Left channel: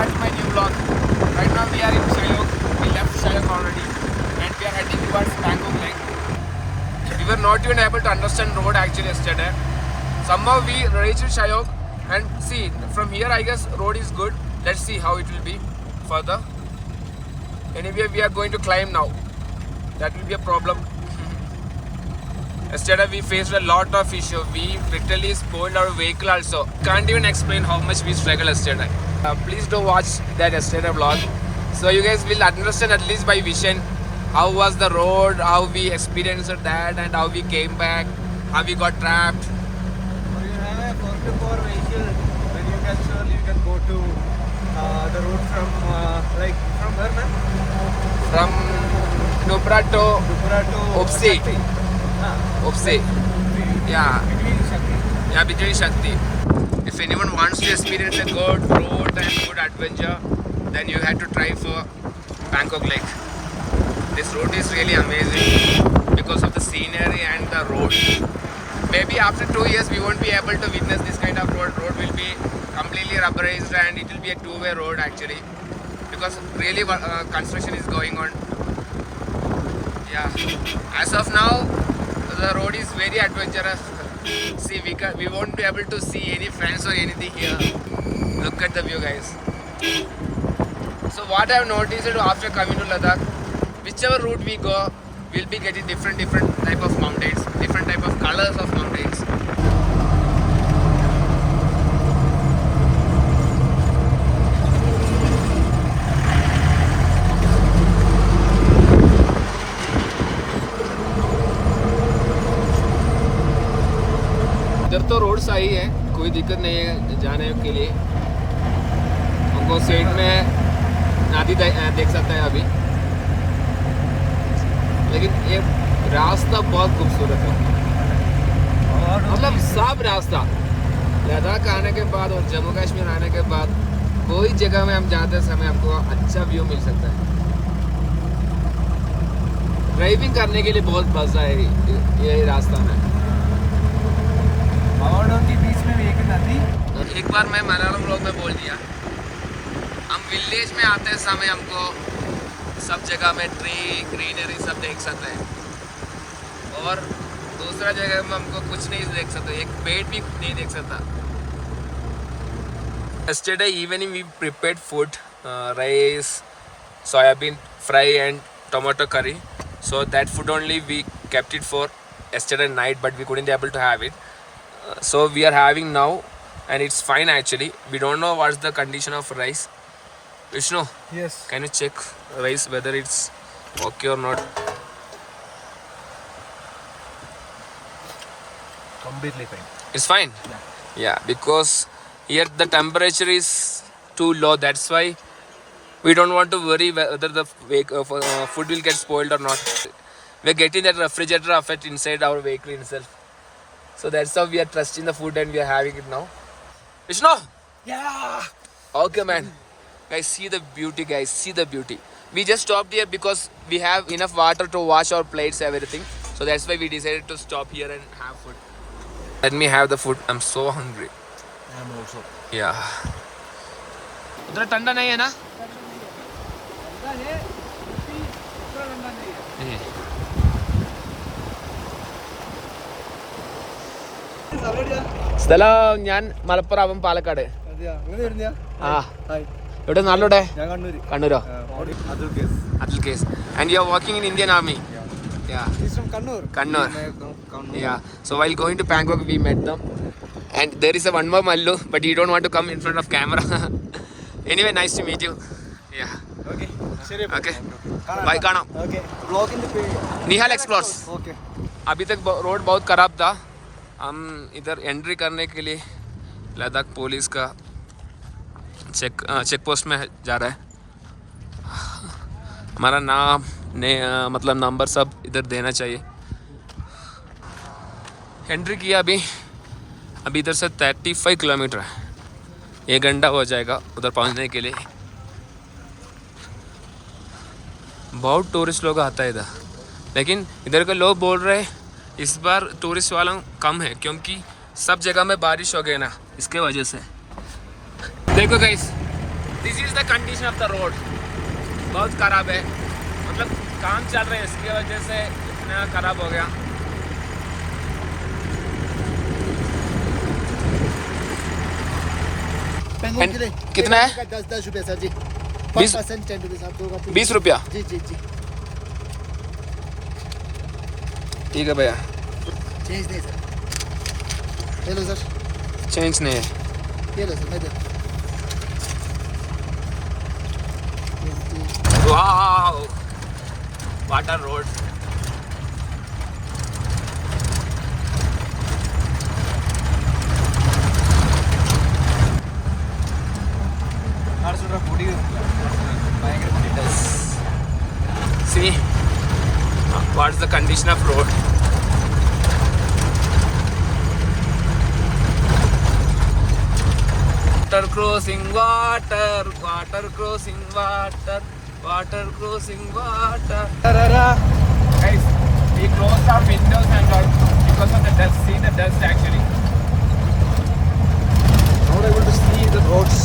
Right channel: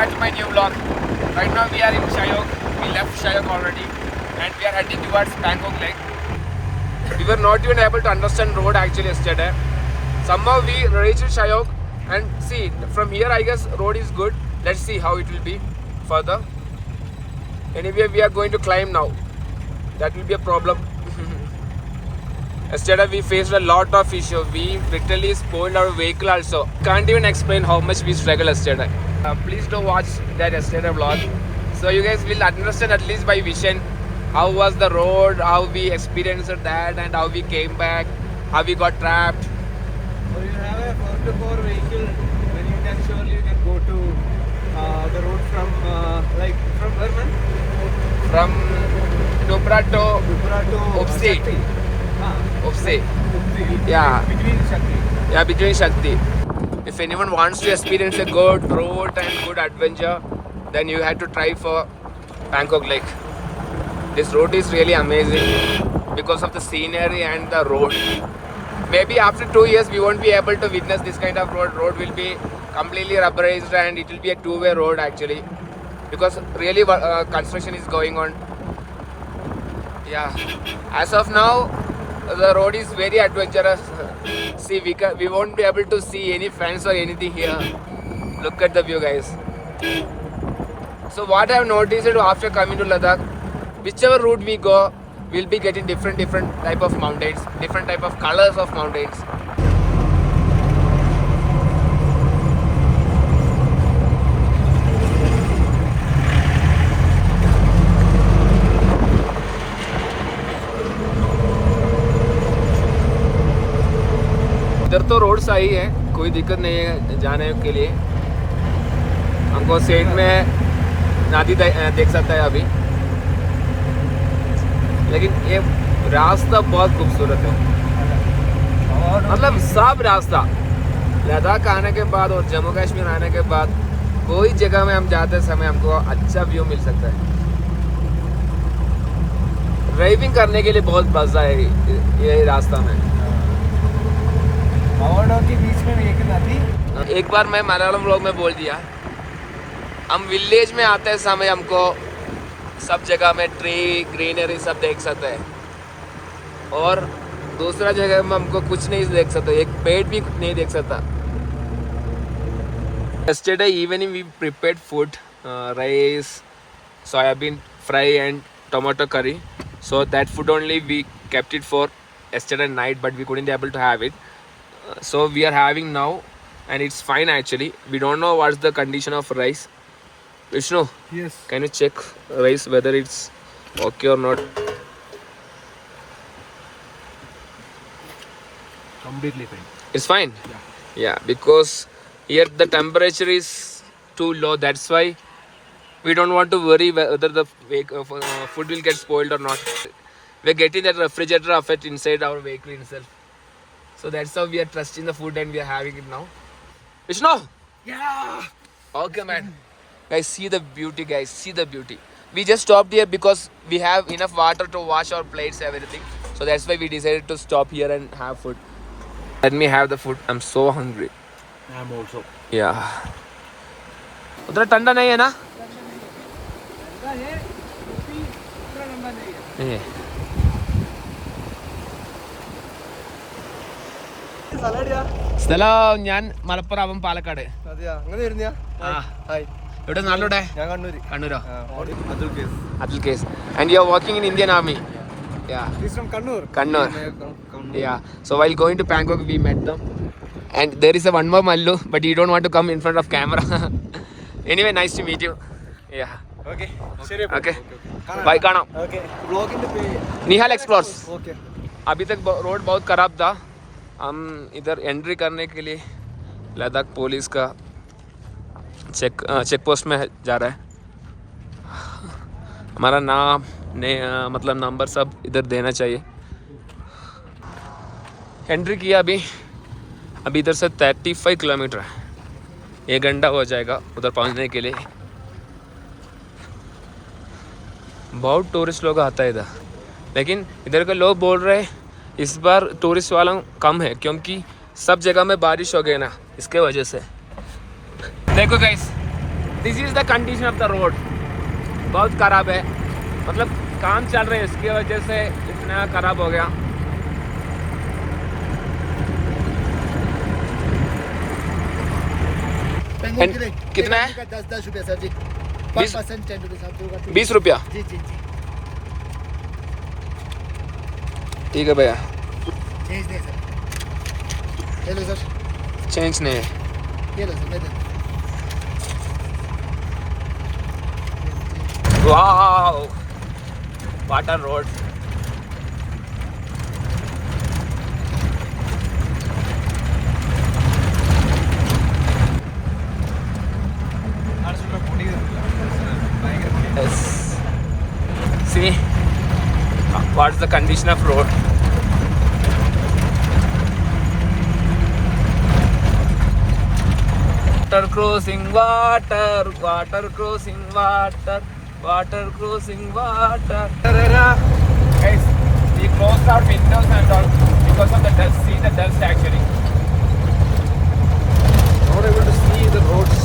back to my new vlog. Right now we are in Shayok. We left Shayok already and we are heading towards Pangong Lake. We were not even able to understand road actually yesterday. Somehow we reached Shayok and see from here I guess road is good. Let's see how it will be further. Anyway, we are going to climb now. That will be a problem. Yesterday we faced a lot of issues. We literally spoiled our vehicle also. Can't even explain how much we struggled yesterday. Please do watch that yesterday vlog. So you guys will understand at least by vision how was the road, how we experienced that and how we came back, how we got trapped. So you have a 4x4 vehicle, then you can surely go to the road from from where, man? From Nubra to Opsi. Opsi. Yeah. Between Shakti. If anyone wants to experience a good road and good adventure, then you have to try for Pangong Lake. This road is really amazing because of the scenery and the road. Maybe after 2 years we won't be able to witness this kind of road. Road will be completely rubberized and it will be a two-way road actually. Because really construction is going on. Yeah. As of now, the road is very adventurous. See, we won't be able to see any friends or anything here. Look at the view, guys. So what I have noticed after coming to Ladakh, whichever route we go, we'll be getting different type of mountains, different type of colors of mountains. इधर तो road सही है, कोई दिक्कत नहीं है जाने के लिए. हमको साइड में नदी देख सकता है अभी, लेकिन ये रास्ता बहुत खूबसूरत है. मतलब सब रास्ता लद्दाख आने के बाद और जम्मू कश्मीर आने के बाद कोई जगह में हम जाते समय हमको अच्छा व्यू मिल सकता है. ड्राइविंग करने के लिए बहुत मजा है ये रास्ता में. के बीच में भी एक नदी. एक बार मैं मलयालम व्लॉग में बोल दिया, हम विलेज में आते समय हमको सब जगह में ट्री ग्रीनरी सब देख सकते हैं और दूसरा जगह में हमको कुछ नहीं देख सकते, एक पेड़ भी नहीं देख सकता. Yesterday evening we prepared food, rice, soybean fry and tomato curry. So that food only we kept it for yesterday night, but we couldn't be able to have it. So we are having now and it's fine actually. We don't know what's the condition of rice. Vishnu, Yes. can you check rice whether it's okay or not? Completely fine. It's fine. Yeah, because here the temperature is too low. That's why we don't want to worry whether the food will get spoiled or not. We're getting that refrigerator effect inside our vehicle itself. So that's how we are trusting the food and we are having it now. Vishnu? Yeah. Okay, man. Guys, see the beauty, guys. See the beauty. We just stopped here because we have enough water to wash our plates, everything. So that's why we decided to stop here and have food. Let me have the food. I'm so hungry. I'm also. Yeah. उधर ठंडा नहीं है ना? ठंडा है, उतना ठंडा नहीं है. സ്ഥലം ഞാൻ മലപ്പുറം, അവൻ പാലക്കാട്. അതെയാ, അങ്ങനെ വരുന്നയാ? ആ. ഹായ്. ഇവിടെ നാട്ടിലൂടെ? ഞാൻ Kannur. കണ്ണൂരോ? Adul case. And you are working in Indian Army? Yeah. He's from Kannur. Kannur. Yeah. So while going to Pangong, we met them. And there is a one more Mallu, but he don't want to come in front of camera. Anyway, nice to meet you. Yeah. Okay. Okay. Bye, കാണാം. Okay. Vlog in the page. Nihal Explores. Okay. अभी तक road बहुत खराब था. हम इधर entry करने के लिए लद्दाख पुलिस का चेक पोस्ट में जा रहा है. हमारा नाम मतलब नंबर सब इधर देना चाहिए. एंट्री किया अभी इधर से 35 किलोमीटर है. 1 घंटा हो जाएगा उधर पहुंचने के लिए. बहुत टूरिस्ट लोग आता है इधर, लेकिन इधर के लोग बोल रहे हैं इस बार टूरिस्ट वाला कम है क्योंकि सब जगह में बारिश हो गई ना, इसके वजह से. देखो guys, This is the condition of the road. बहुत खराब है. मतलब काम चल रहा है इसकी वजह से इतना खराब हो गया. कितना है? 10 रुपया सर जी. 20 20 रुपया. जी जी जी. ठीक है भैया. चेंज नहीं सर. Hello sir. चेंज नहीं है. ये लो sir. Wow! What a road! Yes. See, what's the condition of road? Water crossing water, water crossing water, water crossing water. Guys, we closed our windows and all because of the dust. See the dust actually. Not able to see the roads.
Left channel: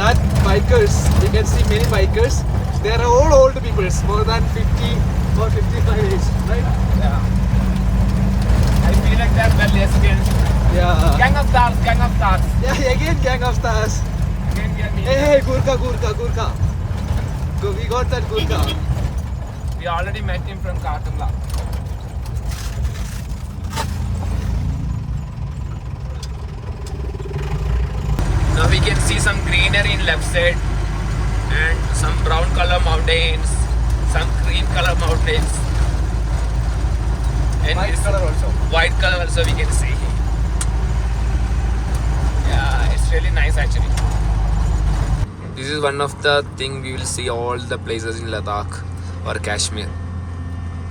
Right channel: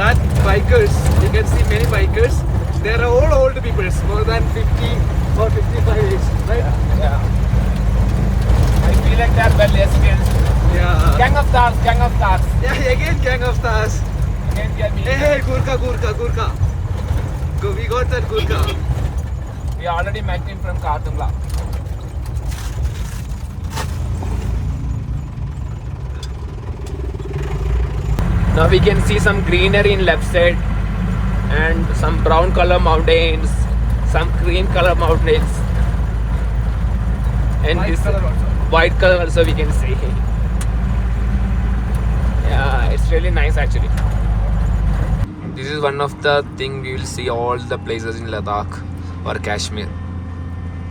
That bikers, you can see many bikers. They are all old people, more than 50 or 55 age, right? Yeah. I feel like they're well lesbians. Yeah. Gang of stars, gang of stars. Yeah, again Gang of Stars. Again we are meeting. Hey, Gurkha. We got that Gurkha. We already met him from Kartungla. Now we can see some greenery in left side and some brown color mountains, some green color mountains, and White color also. white color also we can see. Yeah, it's really nice actually. This is one of the thing we will see all the places in Ladakh or Kashmir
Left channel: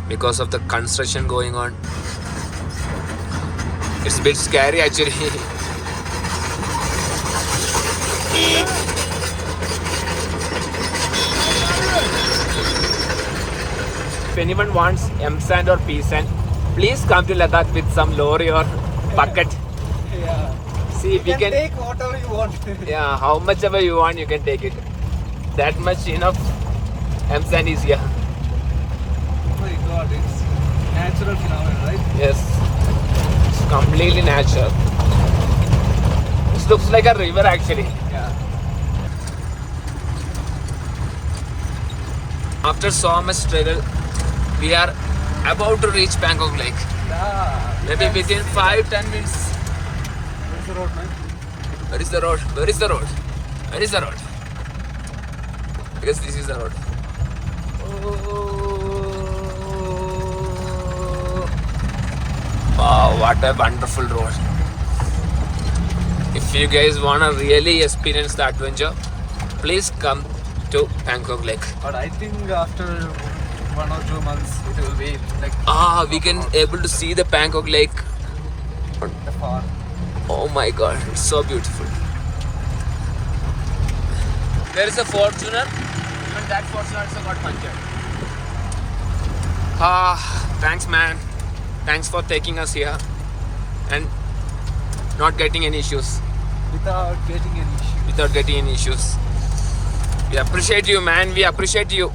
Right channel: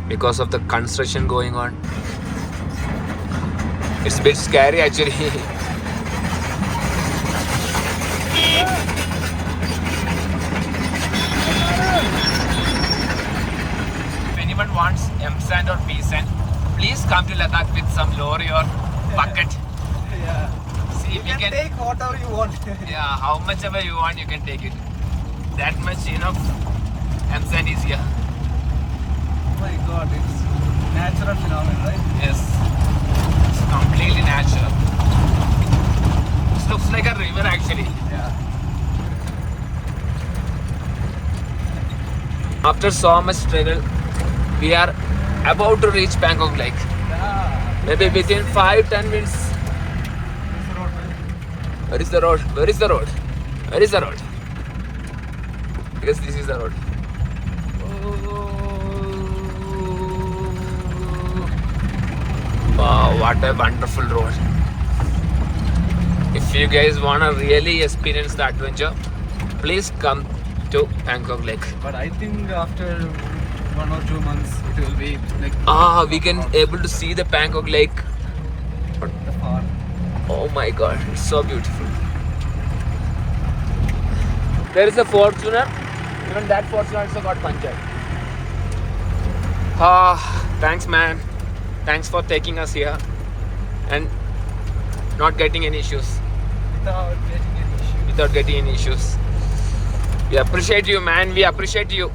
because of the construction going on. It's a bit scary actually. If anyone wants M sand or P sand, please come to Ladakh with some lorry or bucket. Yeah. See if we You can. take whatever you want. Yeah, how much ever you want, you can take it. That much enough M sand is here. Oh my god, it's natural phenomenon, right? Yes, it's completely natural. This looks like a river actually. Yeah. After so much struggle, we are about to reach Pangong Lake. Ah. Maybe within 5-10 minutes. It's a road, right? Where is the road? Where is the road? Where is the road? Because this is the road. Wow, what a wonderful road. If you guys wanna really experience the adventure, please come to Pangong Lake. But I think after 1 or 2 months it will be like We can able to see the Pangong Lake. far. Oh my god, it's so beautiful. There is a Fortuner, even that Fortuner also got punctured. Thanks man. Thanks for taking us here and not getting any issues. Without getting any issue. Without getting any issues. We appreciate you man, we appreciate you.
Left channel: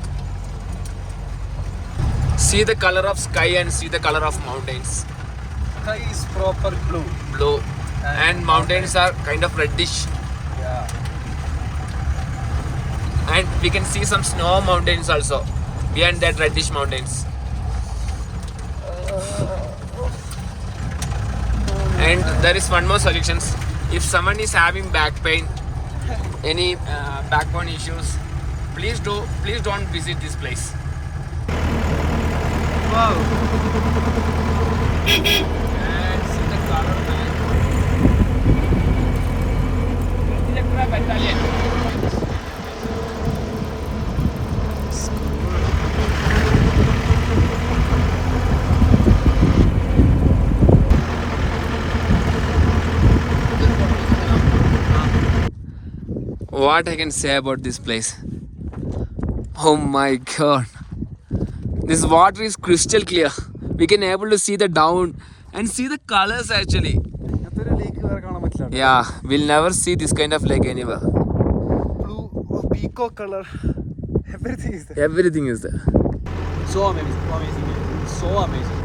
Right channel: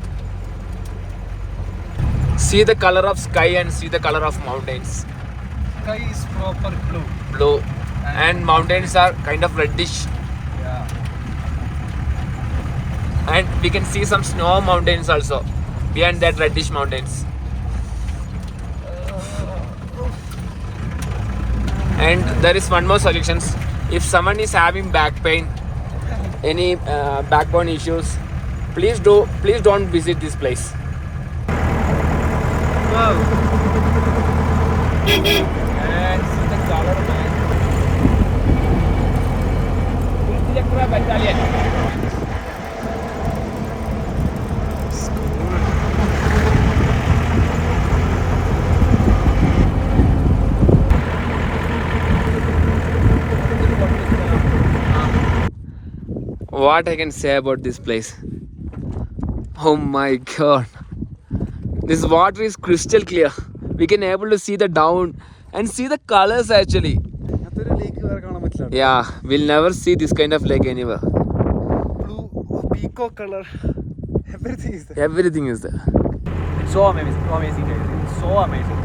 See the color of sky and see the color of mountains. Sky is proper blue. Blue. And mountains are kind of reddish. Yeah. And we can see some snow mountains also behind that reddish mountains. And there is one more solution. If someone is having back pain, any backbone issues, please don't visit this place. Wow. What I can say about this place? Oh my god. This water is crystal clear. We can able to see the down and see the colors actually. Yeah, we'll never see this kind of lake anywhere. Blue, peacock color. Everything is there. Everything is there. So amazing. So amazing. So amazing.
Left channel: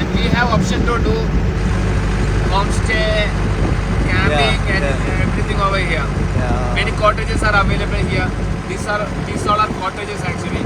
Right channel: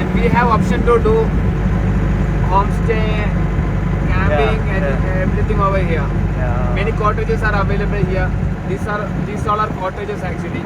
And we have option to do homestay, camping, and everything over here. Yeah. Many cottages are available here. These all are cottages actually.